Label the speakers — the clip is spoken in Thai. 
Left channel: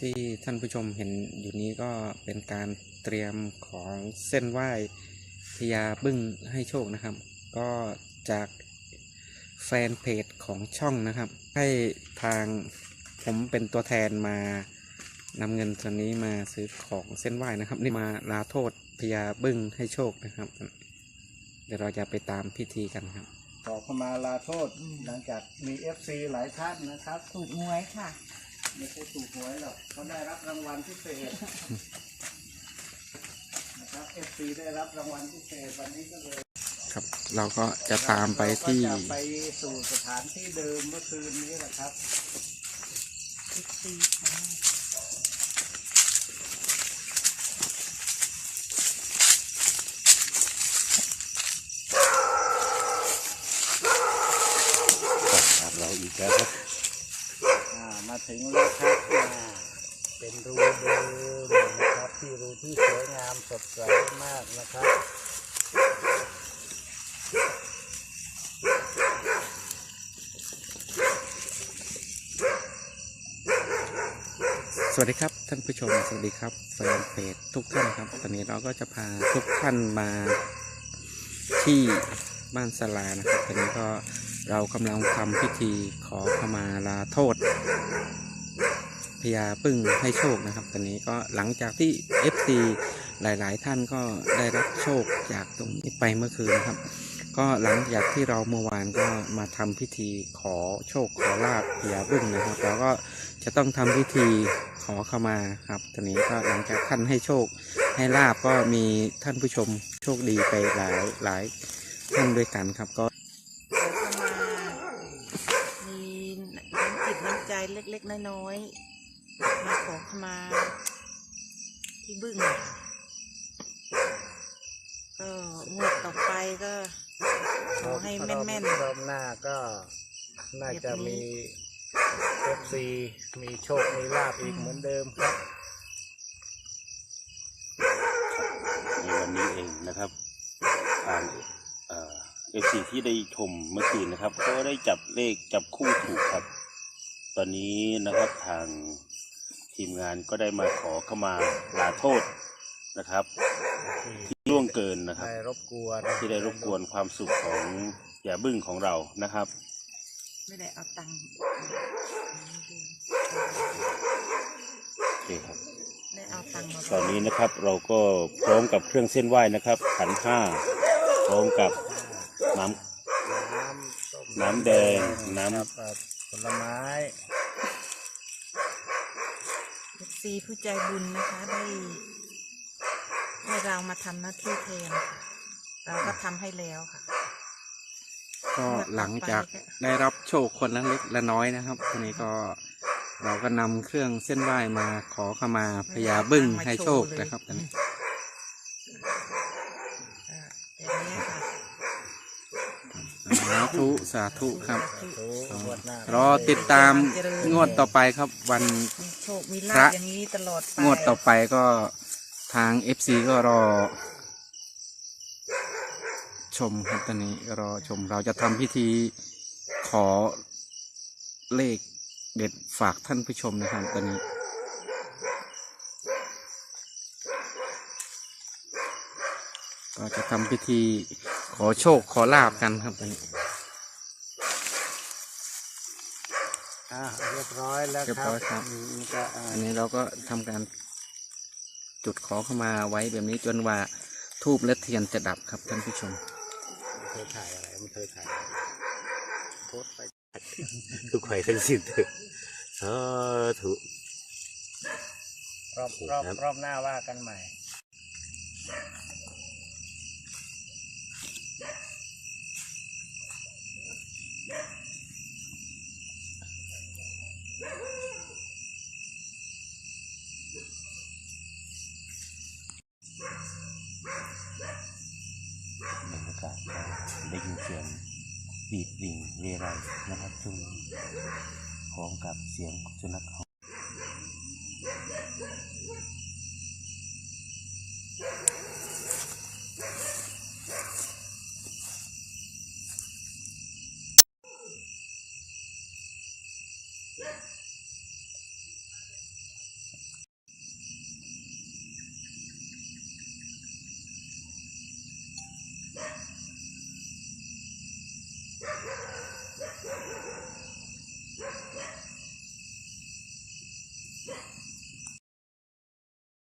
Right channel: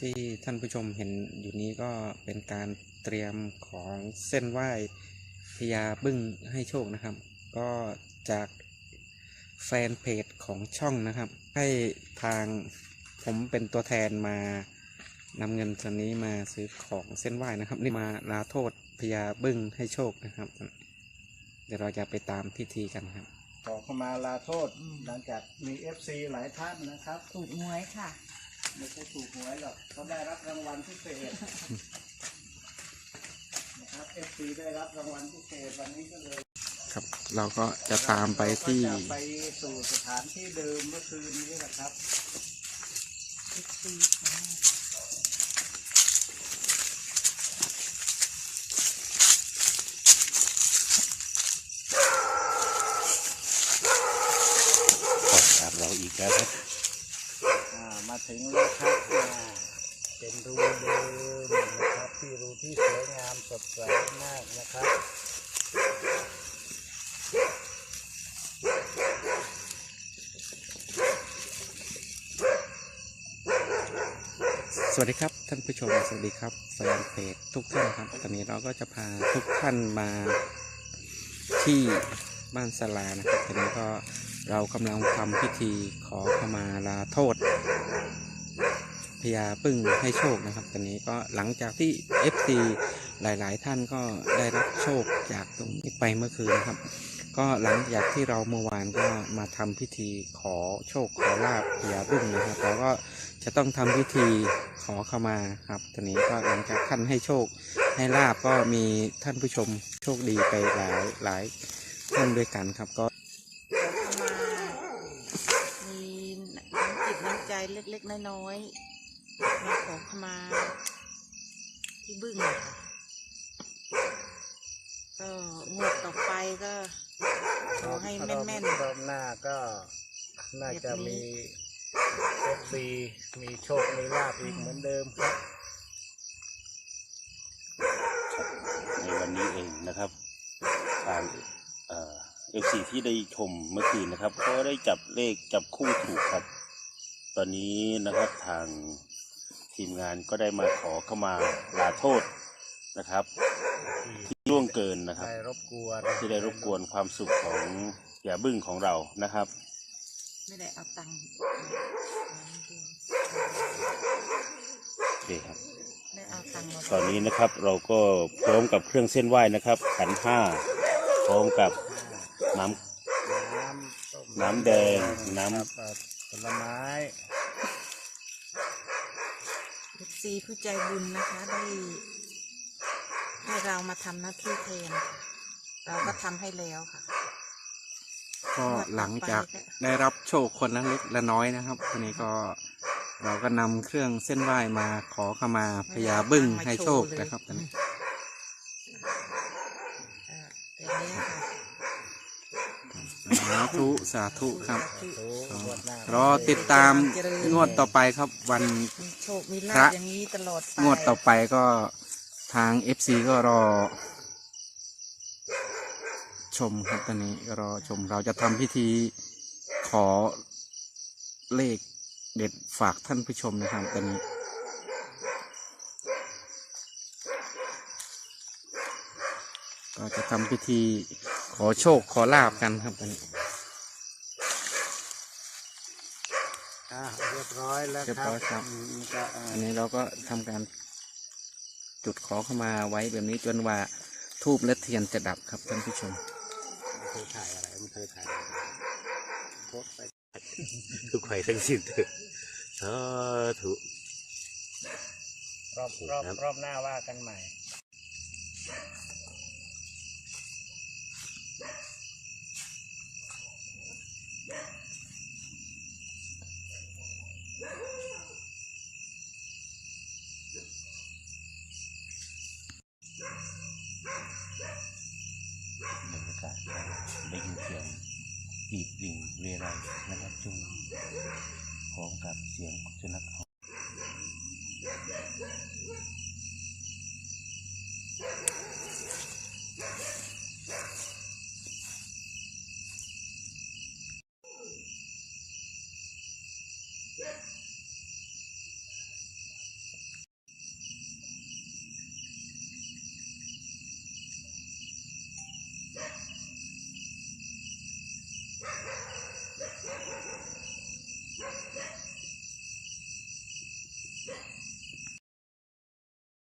Speaker 1: ที่ท่านผู้ชมเห็นอยู่นี้ก็เป็นการเตรียมของเส้นไหว้พญาบึ้งให้โชคนะครับ ก็จากแฟนเพจของช่องนะครับ ให้ทางผมเป็นตัวแทนมานำเงินส่วนนี้มาซื้อของเส้นไหว้นะครับ นี่มาลาโทษพญาบึ้งให้โชคนะครับ เดี๋ยวเราจะไปตามพิธีกันครับ
Speaker 2: ขอเข้ามาลาโทษหลังจากมีเอฟซีหลายท่านนะครับ
Speaker 3: ถูกหวยค่ะ
Speaker 2: ไม่ใช่ถูกหวยหรอกเขาได้รับรางวัลพิเศษนะครับเอฟซีได้รับรางวัลพิเศษวันนี้ก็เลย
Speaker 1: ครับ เราก็จะตามไปที่
Speaker 2: เราก็จะไปสู่สถานที่เดิมเมื่อคืนนี้แหละครับ
Speaker 4: ครับเราอีกแล้วครับ
Speaker 2: อ่า มาถึงแล้วครับอ่เป็นรูเดิมนะครับ ที่รูที่สวยงามสดใสมากนะครับ
Speaker 1: สวัสดีครับท่านผู้ชมสวัสดีครับแฟนเพจทุกท่านครับ ตอนนี้เราก็จะพาทุกท่านมาที่บ้านสลานะครับตอนนี้ก็ เรากำลังทำพิธีขอขมาลาโทษพญาปึ้งให้โชคนะครับ ตอนนี้ก็หลังจากที่ FC หลาย ๆ ท่านก็ได้รับโชคจากตรงนี้ไปเมื่อคืนนะครับ ก็หลังจากที่เราเมื่อวานก็มาทำพิธีขอโชคขอลาบพญาบึ้งนะครับแล้วก็จะต้องทำพิธีขอเข้ามาครับ ตอนนี้ก็หลังจากท่านให้โชคให้ลาบก็มีท่านผู้ชมโชคดีไปหลายหลายท่านด้วยกันครับก็
Speaker 3: ขอเข้ามา มีน้ำจิตน้ำใจ เล็กๆ น้อยๆ มาขอเข้ามาที่บึ้งค่ะก็งวดต่อไปก็ ขอให้แม่น
Speaker 2: รอบหน้าก็น่าจะมีเอฟซีมีโชค มีลาบอีกเหมือนเดิมครับ
Speaker 4: ในวันนี้เองนะครับทางเอฟซีที่ได้ชมเมื่อคืนนะครับ ก็ได้จับเลขจับคู่ถูกครับ ตอนนี้นะครับทางทีมงานก็ได้มาขอเข้ามาลาโทษนะครับที่ล่วงเกินนะครับ
Speaker 2: ได้รบกวน
Speaker 4: ที่ได้รบกวนความสุขของอย่าบึ้งของเรานะครับ
Speaker 3: ๆไม่ได้เอาตังค์
Speaker 4: โอเคครับ
Speaker 3: ได้เอาตังค์มา
Speaker 4: ตอนนี้นะครับเราก็พร้อมกับเครื่องเส้นไหว้นะครับ ขันห้าพร้อมกับน้ำ
Speaker 2: น้ำส้ม
Speaker 4: น้ำแดงน้ำ
Speaker 2: ครับเอ่อผ ลไม้
Speaker 3: เอฟซีผู้ใจบุญนะคะได้ให้เรามาทำหน้าที่แทนค่ะเราก็ทำให้แล้วค่ะ
Speaker 1: ก็หลังจากได้รับโชคคนละเล็กละน้อยนะครับตอนนี้ก็เราก็นำเครื่องเส้นไหว้มาขอเข้ามาพญาบึ้งให้โชคนะครับตอนนี้
Speaker 3: เออเป็นนี้ค่ะ
Speaker 1: สาธุสาธุครับ
Speaker 2: โอ้งวดหน้าร
Speaker 1: อติดตามงวดต่อไปครับ วัน
Speaker 3: มีโชคมี
Speaker 1: พระ
Speaker 3: ลาบอย่างนี้ตลอดไป
Speaker 1: งวดต่อไปก็ทาง FC ก็รอ ชมครับตอนนี้ก็รอชมเราจะทำพิธีขอเลขเด็ดฝากท่านผู้ชมนะครับตอนนี้ก็จะทำพิธี ขอโชคขอลาบกันครับตอนนี้
Speaker 2: อ่าเรียบร้อยแล้ว
Speaker 1: เรียบ
Speaker 2: ครับ
Speaker 1: ร้อยครับ
Speaker 2: อืมก็อ่า
Speaker 1: อันนี้เราก็ทำการจุดขอเข้ามาไว้แบบนี้จนว่าทูบและเทียนจะดับครับท่านผู้ชม
Speaker 2: มันเคยถ่ายอะไรมันเคยถ่ายอะไรโพสต์ไปทุกใครทั้งสิ้นเถอะสาธุรอบรอบ
Speaker 4: ครับ
Speaker 2: รอบหน้าว่ากันใหม่
Speaker 4: บรรยากาศได้ยินเสียงปีดวิ่งเรไรนะครับจุงพร้อมกับเสียงสุนัข Yes.